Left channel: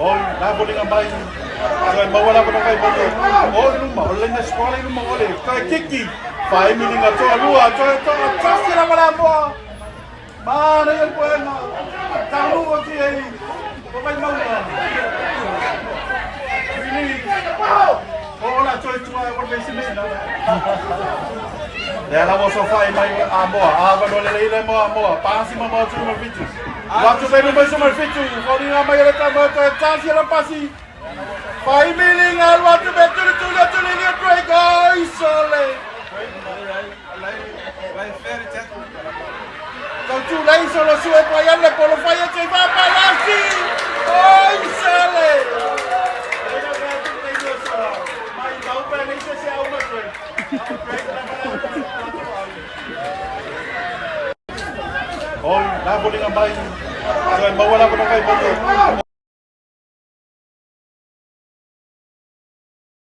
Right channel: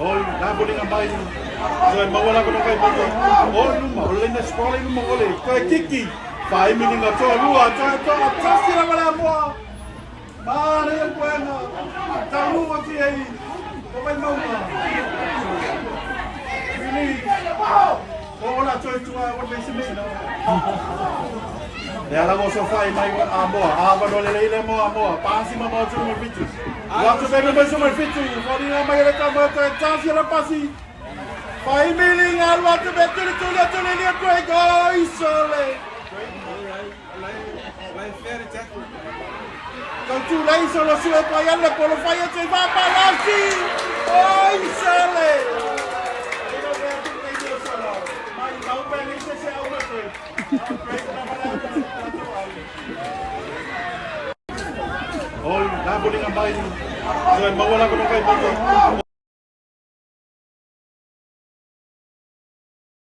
Oh, nabuling ang bayo. Kaya mawala ko ng kay Bogo. Oh, lumawala na eskwela yung mga ulit. Kaya Kiki, 5 million na to. Alua, ito, at saan sila wala mo ah. Mana yan po yan na. Kaluwa siya eh. Kapay mo na. Really? Oo na, choice mo ako na sila. Dahil mo sa fay, may amo ah. Aba doon lalailan mo amo ah. Pasi mo mga sumo bichu. Waktu saya naman sa marfitu. Kung nga may alata mo ito, at saan sila pasi. 5 million nga, waktu betul tuloy niya, Trey, guys. Solid. Nagtulay sa Rosuet mo yan, nagpulupayan kay Papa Laki! Oy, sali! May ibaw pa rin siya siya ako, Trey. Oh, nabuling ang bayo. Kaya mawala ko ng kay Bogo.